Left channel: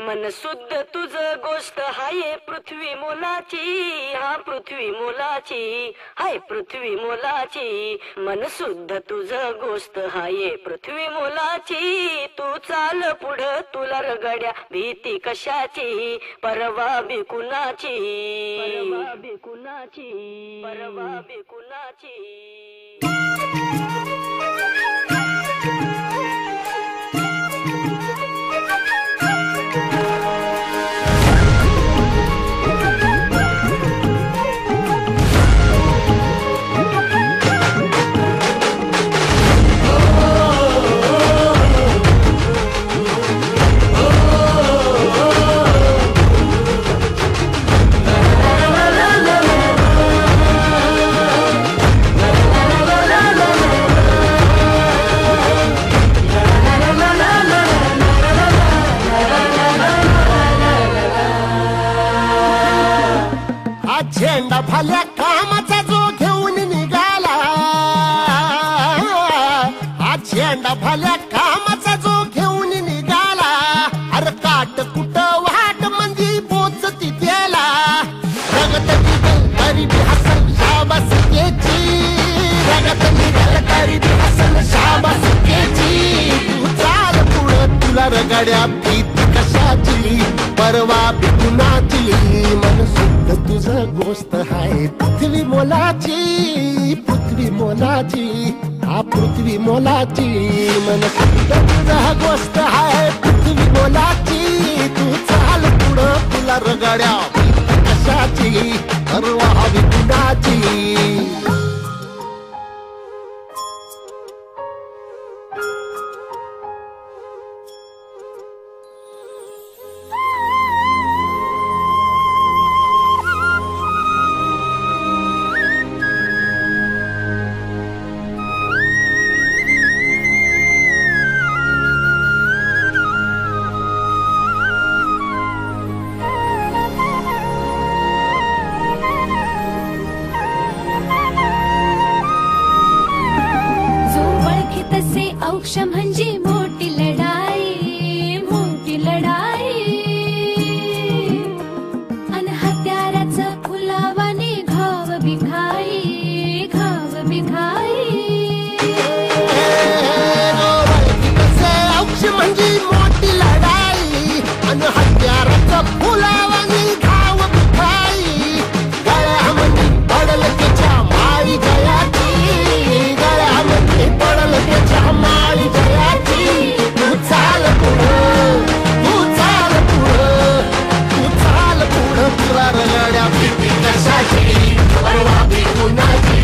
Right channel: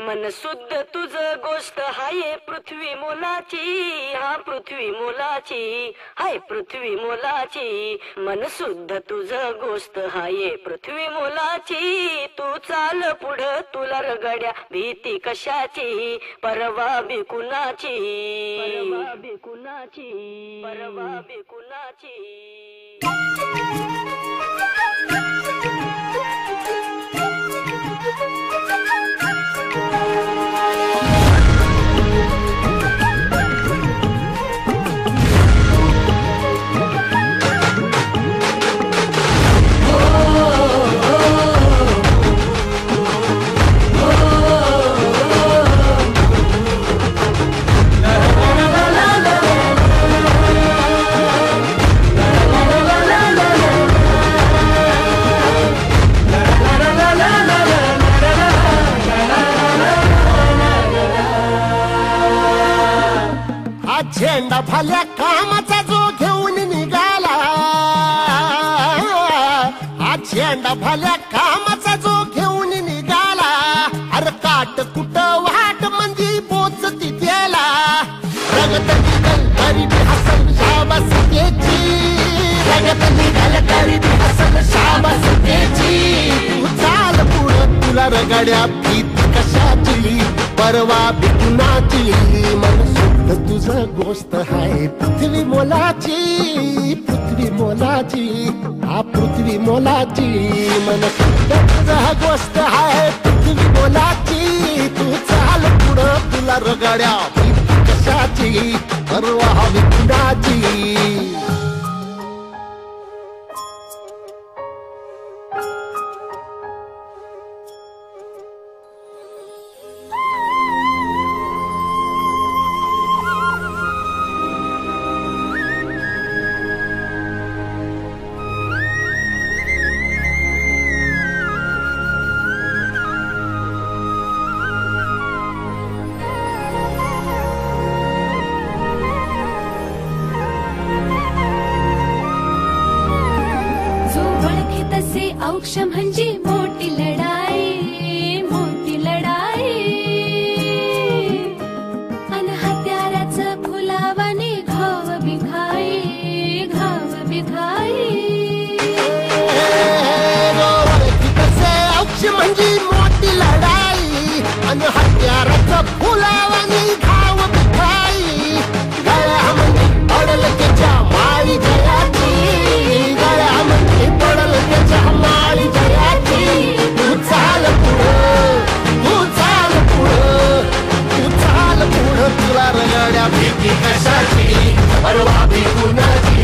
मन शुद्ध तुझ गोष्ट हाय पृथ्वी मोलाची, हा पृथ्वी मोलाची, हाय पृथ्वी मोलाची. मन शुद्ध तुझ गोष्ट हाय पृथ्वी मोलाची. तू चाल पुढं तुला रगड्या भीती कशाची, परवा बी कुणाची, परवा बी कुणाची, परवा बी कुणाची. झेंडा भल्या कामाचा जो घेऊन निघाला, हा झेंडा भल्या कामाचा जो घेऊन निघाला. अरे काट कुट वाट म्हणजे पोचती त्याला, रगत निघल तरी बी हसल शाबास त्याची, रगत निघल तरी बी हसल शाबास त्याची. तू चाल पुढं तुला रगड्या भीती कशाची, परवा बी कुणाची. मन शुद्ध तुझ गोष्ट हाय पृथ्वी मोलाची, पृथ्वी मोलाची, हा पृथ्वी मोलाची. मन शुद्ध तुझ गोष्ट हाय पृथ्वी मोलाची. तू चाल पुढं तुला रगड्या भीती कशाची, परवा बी कुणाची. औक्ष म्हणजे मोठी लढाई, मोठी लढाई. अन हत्याराचं फुलावाने घाव बिघाई, घाव बिघाई. औक्ष म्हणजे मोठी लढाई, अन हत्याराचं फुलावाने घाव बिघाई. गळ्यामध्ये पडल त्याच्या माळी जयाची, गळ्यामध्ये पडल त्याच्या माळी जयाची. तू चाल पुढं, तू चाल पुढं, तू चाल पुढं तुला रगड्या भीती कशाची, परवा बी कुणाची.